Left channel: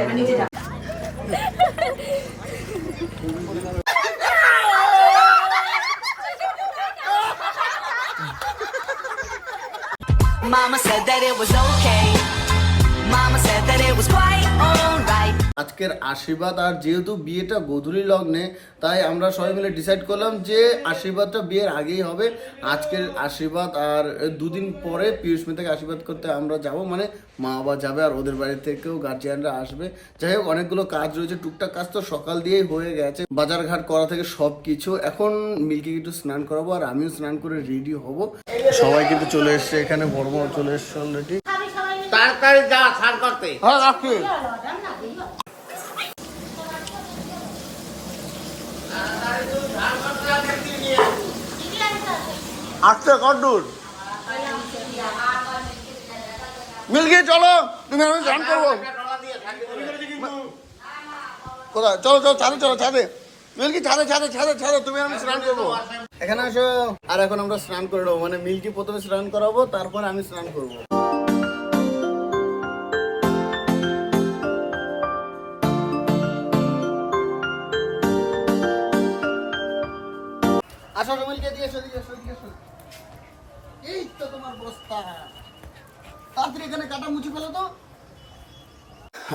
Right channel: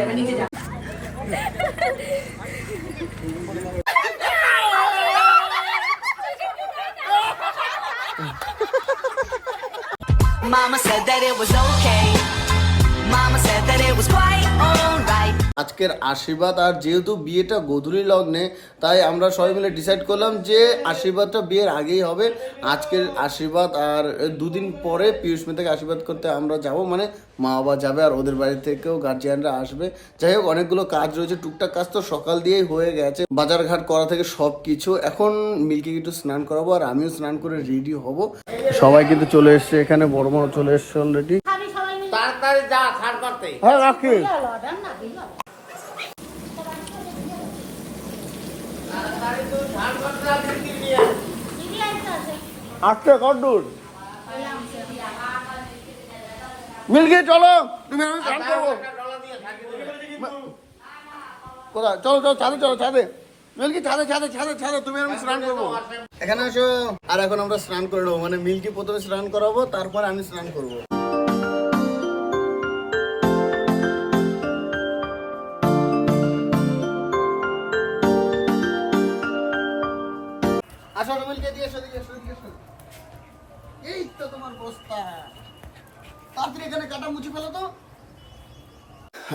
Mama said that it was okay. Mama said that it was quite alright. আজকের আশীর্বাদ আর যেহেতু বিয়েটা গোধূলি লগ্নে, তাই আমরা সবাই মিলে ডিসাইড করলাম যে আশীর্বাদটা বিয়ের আগেই হবে। আজকের আশীর্বাদ আর দুদিন পরে পিয়ুষ্মিতাকে আশীর্বাদ করতে আমরা যাব, মানে মা বাবা যাবে আর ওদের বাড়ি থেকেও গার্জিয়ানরা আসবে। যাই হোক, অনেকগুলো কাজ রয়েছে, টুকটাক কাজ তো সকাল দিয়েই হয়ে গেছে, বাজার ঘাট করা থেকে সব কিছু। এখন মিল্কি একটু স্নান করাবো আর আমিও স্নান করে রেডি হব। সবাই কিন্তু চলে এসছে এখানে, বড় বড় চলে এসছে অলরেডি। তাড়াতাড়ি যা স্নান করতে। হ্যাঁ রাখি। আচ্ছা কদ্দূর মিলকে চলো, তুমি আমি স্নান করবো। কোথায়? চলো চলো, ছাদে চলো, ছাদে। মিল্কি ছাদে ছাদে ছাদে ছাদে, তুমি আমি স্নান করবো। এখানে আসো। আর এখন আমরা স্নান করে নেবো, মানে মিল্কি প্রথমে স্নান করাবো, তারপরে আমি স্নান করবো। আসো মিলকে দিয়ে এসো, দিয়ে এসো, দিয়ে এসো। এই তো তোমার বস্তা, তাড়াতাড়ি এখানে কাটা মুছে ফেলো তো।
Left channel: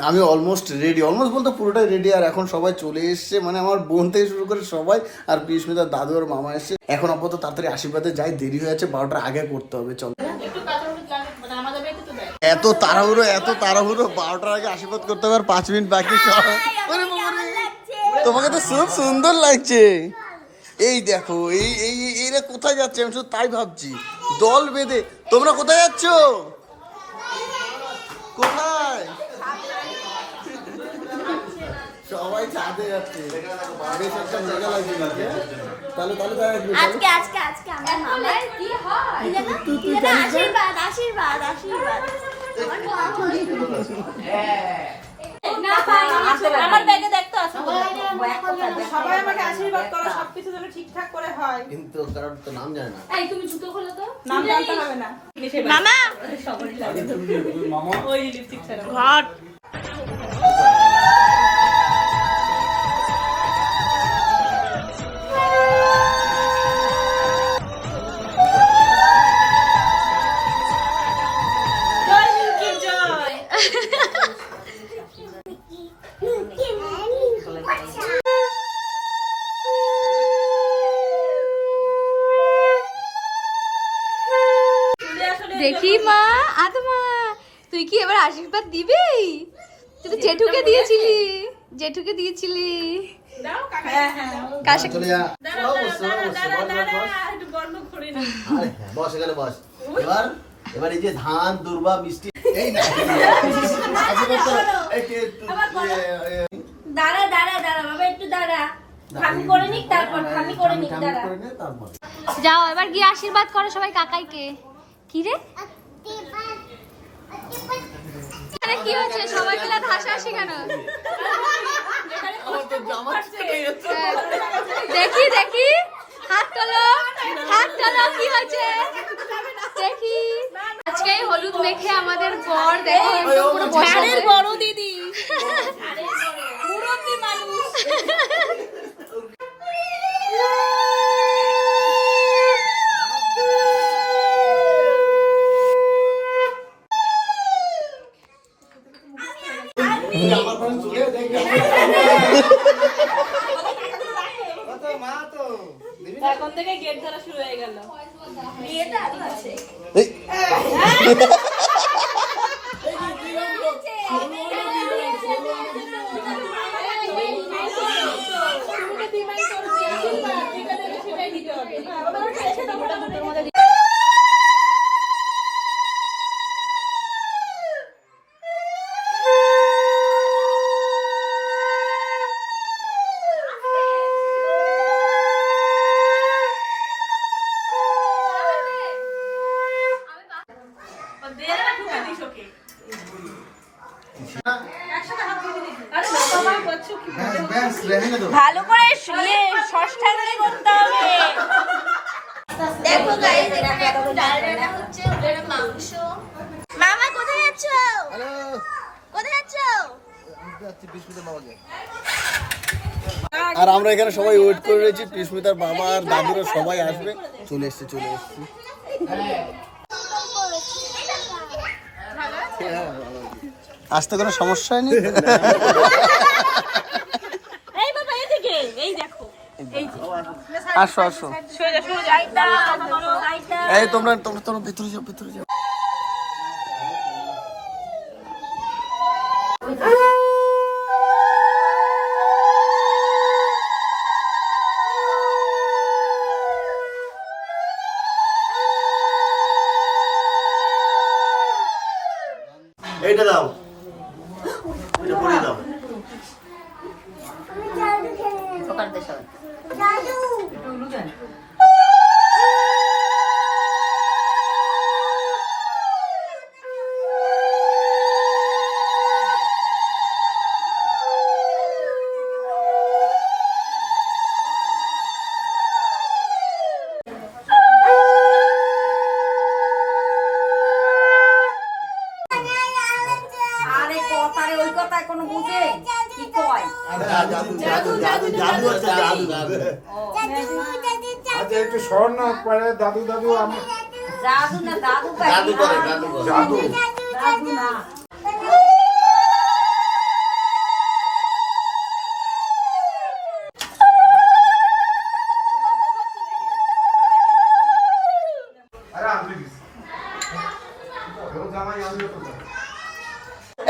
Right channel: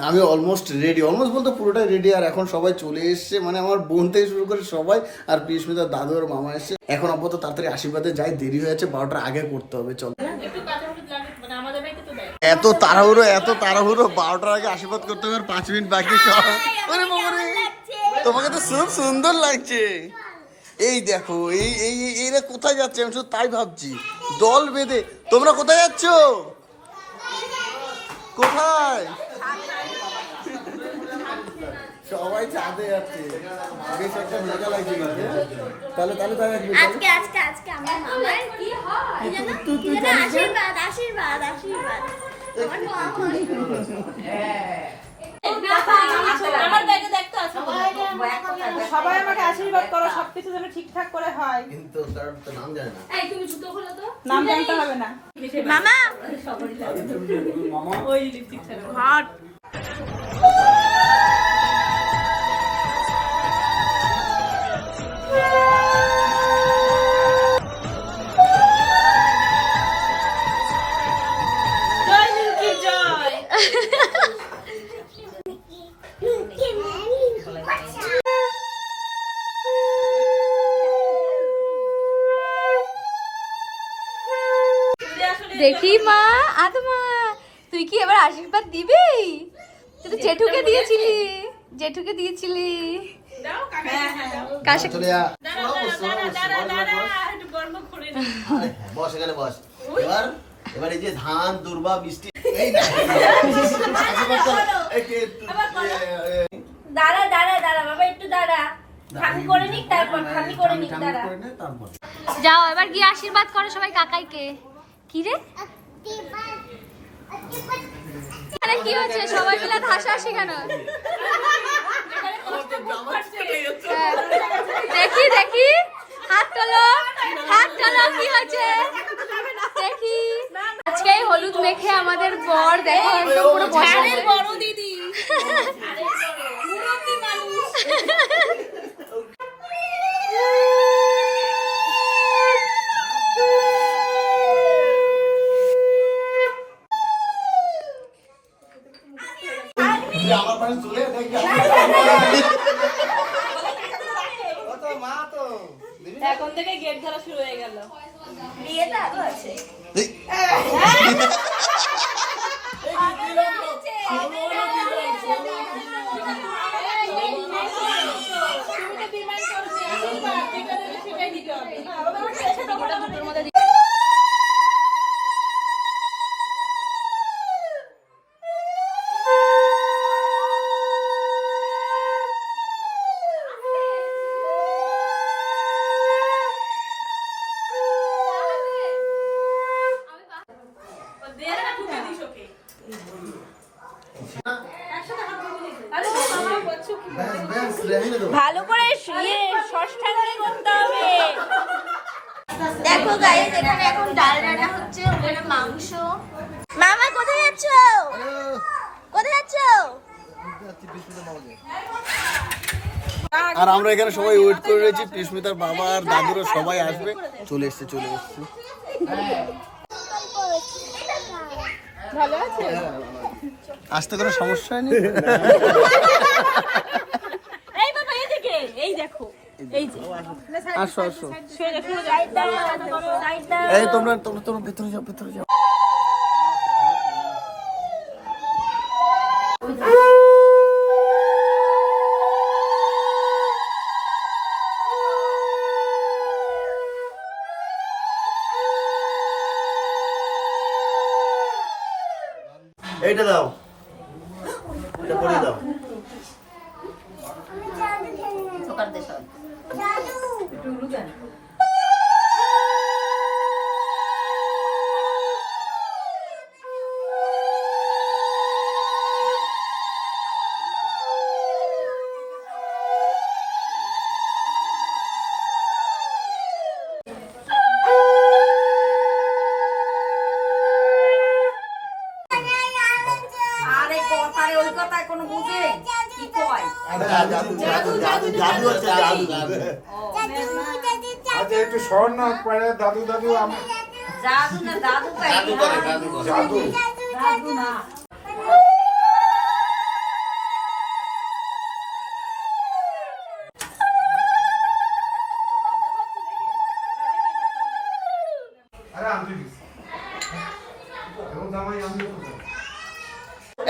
আমি অলমোস্ট রেডি, অলমোস্ট বলতে পুরোটাই রেডি। আর এখন সবাই চলে এসছে, মানে আমার বোন থেকে শুরু করে সবাই, আর পিয়ুষ্মিতার দাদু আর মামা এসছে। এখন আপাতত তাড়াতাড়ি আশীর্বাদে যাই, দেরি হয়ে যাচ্ছে, 12টার আগে করতে হবে। চল, এত তাড়াহুড়ো, এত তাড়াহুড়ো, 12টার আগে আশীর্বাদ করতে হবে, আর 5 মিনিট বাকি। সব তোমাকে তো খুব সুন্দর লাগছে। এই দেখো, এইরা কোথায় যাচ্ছে, আমি শুধু তাই ভাবছি। দল বেঁধে তোমরা কোথায় যাচ্ছ? কোথায়? সবাই ছাদে যাচ্ছে, বেশ একটা মজা লাগছে। তাহলে তাহলে তাই আসবে। আজকে আজকে আজকে আমার মামার কি হয়? তুই জানিস? আশীর্বাদ আশীর্বাদ আশীর্বাদ। আমার ব্যাগে দেখতে আছে, সবাই আমাকে আশীর্বাদ করো, সবকিছু যেন ঠিকঠাক করে হয়। কিন্তু কারণ তো নাম জানে না। এই তুমি জুতো খোলো তো, নাম জানতে হবে না। মামা ওই লিপস্টিক ছাড়া হট। জয় মিল্কি জয়। দেখি মা, আদমা তুই কি এবার আশীর্বাদ দিবি? তুই তো জেঠুকে দিয়েছিলি, জেঠুকে দিয়েছিলি। হ্যাঁ হ্যাঁ, কার সাথে? চলে যা, একটু গর্ব করে নি। বস এখানে বস। এবার এবার এই যে ধান দুর্বা মিষ্টি, এই না দাঁড়া দাঁড়া দাঁড়া বাবা, একটু দাঁড়া, খামি করে নিক, তারপর খামি করে নিক, দাঁড়া। যাও এবার গিয়ে আশীর্বাদ করো সবাই কাকাইকে। কি রে আরে কি হচ্ছে, সবাই মিলে হাসাহাসি কেন? দেখি দেখি, হাত তোলো, হাত তোলো, কি হচ্ছে দেখি। আজকে হলুদ মেখে আমাদের বর দেখো একদম পুরো বসা বড় দিদি, মুরব্বি মানুষ। এখন থেকে গেট ধরা শুরু হয়ে গেল। বিয়েটা আরো আছে। ভালো করে ষষ্ঠাঙ্গে করতে হবে। দেখো গাইস, এখানে এখন ডাল রান্না হচ্ছে, ওখানে মাংস। মামা কোথায় যাচ্ছ? কোথায় যাচ্ছ? আর আমরা এখানে সবাই ওয়েট করে রয়েছি, পিস্মিতার বাবা আর দাদুরা সবাই আসবে। চলে এসছে। আসতে কোনো সমস্যা নেই। এই বাবা এদিকে এই দেখো এই যে আসো। সোজা এই তোমরা ভিতরে যাও। এইটা দাও, এটা পরিয়ে দাও। আরে কথায় ওই কথায় কোনো বুঝে কি কয় জাদু আছে। আচ্ছা একটু স্বর্ণ পরে দাদু জাদু না দাদু জাদু করে। জাদু দাদু না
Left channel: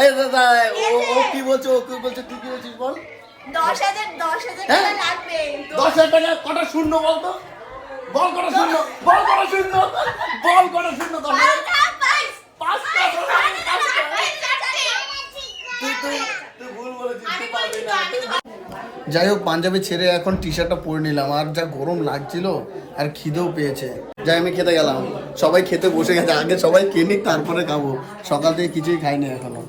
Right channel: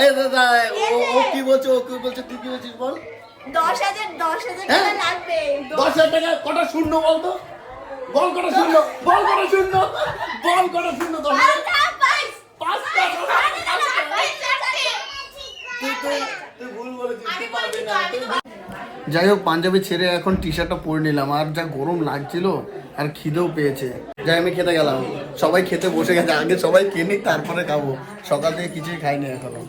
এই দাদা, ও কি বলছে তুই কি বলছিস বল। 10,000 হ্যাঁ? টাকা লাগবে 10,000 টাকা কটা শূন্য বলতো? বল কটা শূন্য। 10,000 পাঁচটা। তুই ভুল বলেছিস, তুই পারবি না। যাই হোক, পাঞ্জাবি ছেড়ে এখন টি শার্টটা পরে নিলাম। আর যা গরম লাগছিল আর খিদেও পেয়েছে। যাই আমি খেতে গেলাম। সবাই খেতে বসে গেছে, আগে সবাই খেয়ে নিক তারপরে খাবো। সকাল থেকে কিছুই খাইনি এখনো।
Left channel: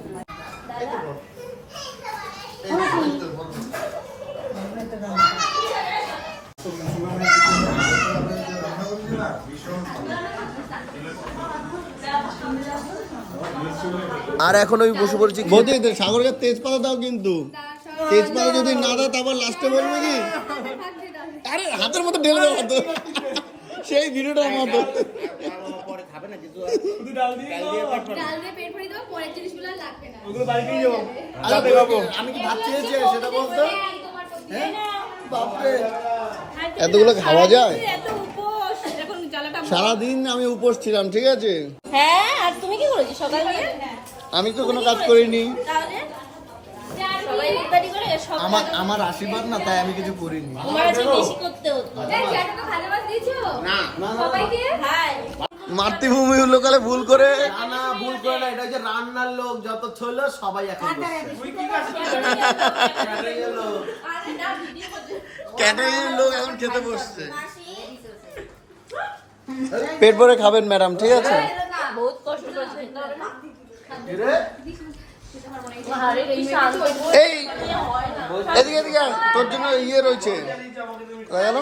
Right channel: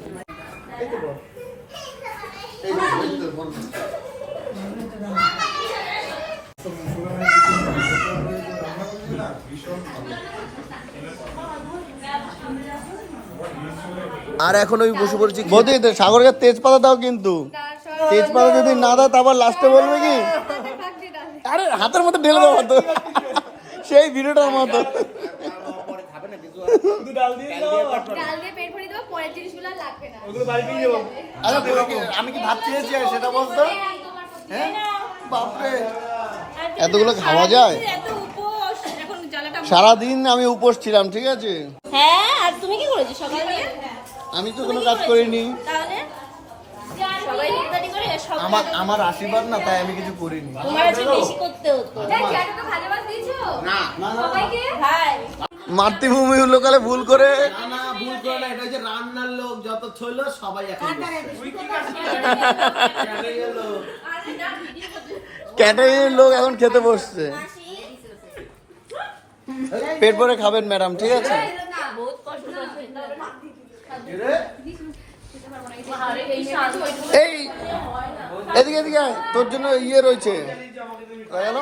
আর এখন আমি বসে পড়েছি। বৌদি সাগরকে তেজপাতা দাও, কিন্তু তেজপাতা যদি না দাও তারপর লাস্টে বলবে কি আরে হাতের মধ্যে ঢেলে দেওয়া হতো, সেই ভিডিওটার মতো। আমি কি ভাত চেয়েছি সেটা বলতো? হ্যাঁ বাপরে, এতগুলো খাওয়া যায়? সারাদিন আমি উপোস ছিলাম, ঠিক আছে? হ্যাঁ আর তুমি কি করেছো সকালে? আমি তো কোনো কাজ করিনি। তাহলে সবাই ইফতারি করে আমার আশীর্বাদ না, তাই আমি কিছু করিনি। তোমার আজকে বেশি করতে হতো না ভাই মাতৃভূমির লোকালে ভুল করে না, ভুল করে না। এটা যে রান্নার লোক যত ছিল সবাই এখন ক্যাটারিং লোক এখন খেতে বসছে। পেট ভরে খাবেন ম্যাডাম, ঠিক আছে? বহুত কষ্ট করেছে এই এদিকে আয়, তোর জন্য ইয়ে রয়েছে। গেল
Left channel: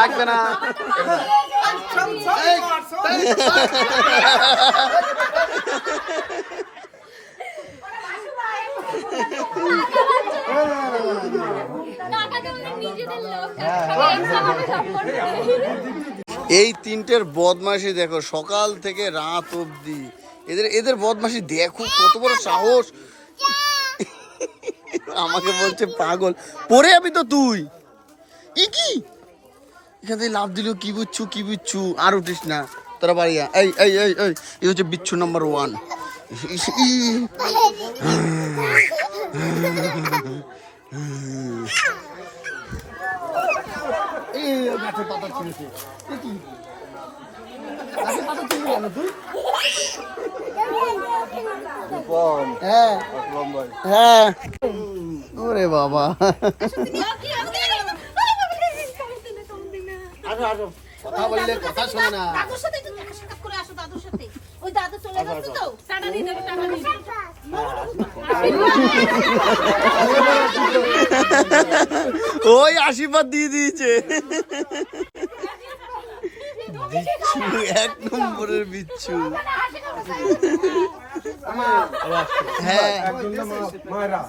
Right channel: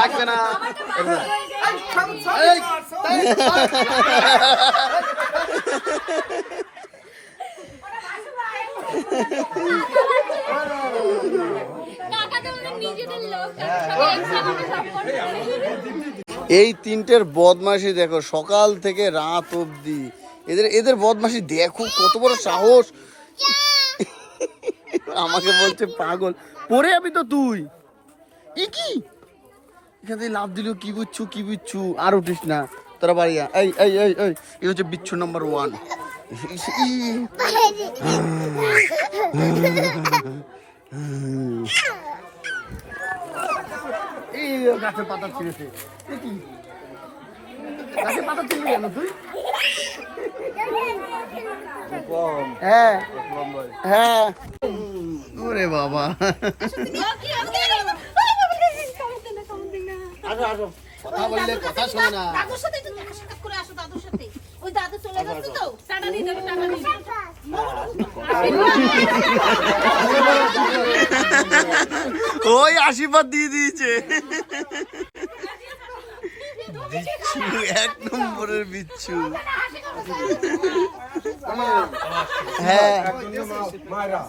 লাগবে না। এই তিনটের বদমাশি দেখো, সকাল থেকে রাত অবধি এদের বদমাশি দেখো, কত বড় সাহস। আমাকে বলছে পাগল, পরে যাবি তো তুই। কি এখান থেকে লাভ দিল, কি বুঝছু আর উঠিস না, তোরা বাড়ি যা। এই হচ্ছে বিচ্ছু নাম্বার 1। এই গাছের পাতা ছিঁড়েছে। গাছের পাতা ছিঁড়বি কেন তুই? হ্যাঁ ওরে বাবা, আসো কথা বললে কথা শোনে না। দাদুর সাথে একটু দেখা সাক্ষাৎ করে আসো, দাদুর সাথে। ওই দাদু চলে গেছে তো টাটা দিয়ে দেবে, টাটা দিয়ে ওই আশীর্বাদ দিয়ে দিয়েছে। বিচ্ছু, 1 নম্বরের বিচ্ছু। হ্যাঁ মায়েরা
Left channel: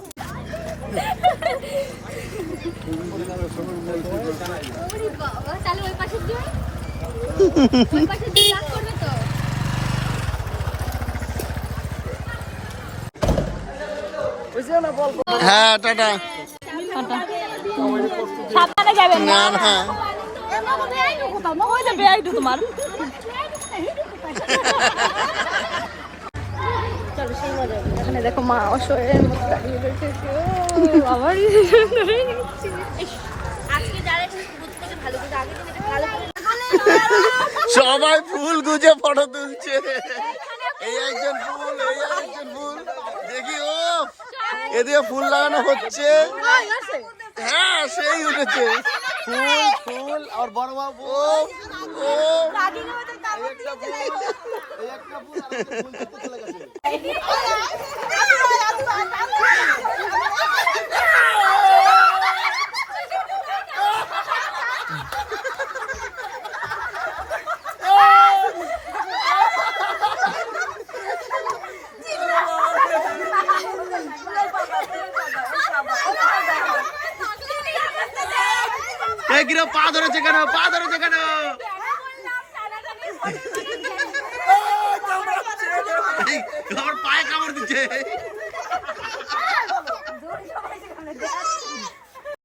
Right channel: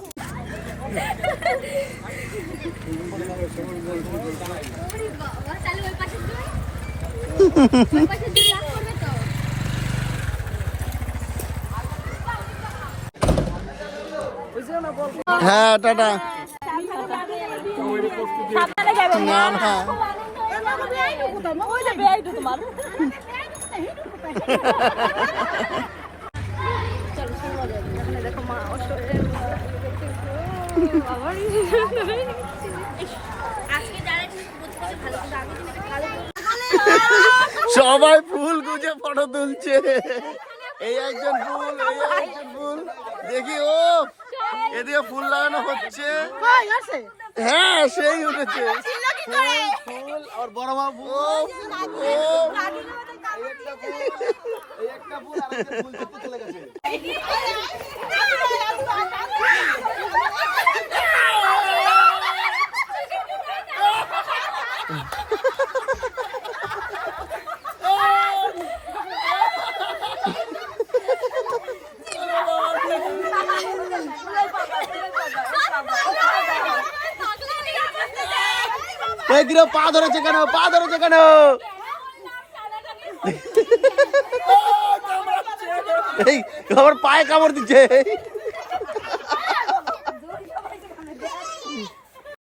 হ্যাঁ টাটা। না না দেখো মা অসহায় সবাই ফুল গুজে ফটো তুলছে। এই একজন ফুল, এই একজন ফুল। দেখি ও এদিকে ফুল লাগানো হচ্ছে। হ্যাঁ সেই উঠেছে ফুল ফুল। আর বড় মা ও ও একটা ফুল আর একটা ফুল করতে চলে গেছে। এই কিরো পা ধরেছে কেন? পা ধরেছে কেন? এই আমার পায়ে কামড় দিচ্ছে।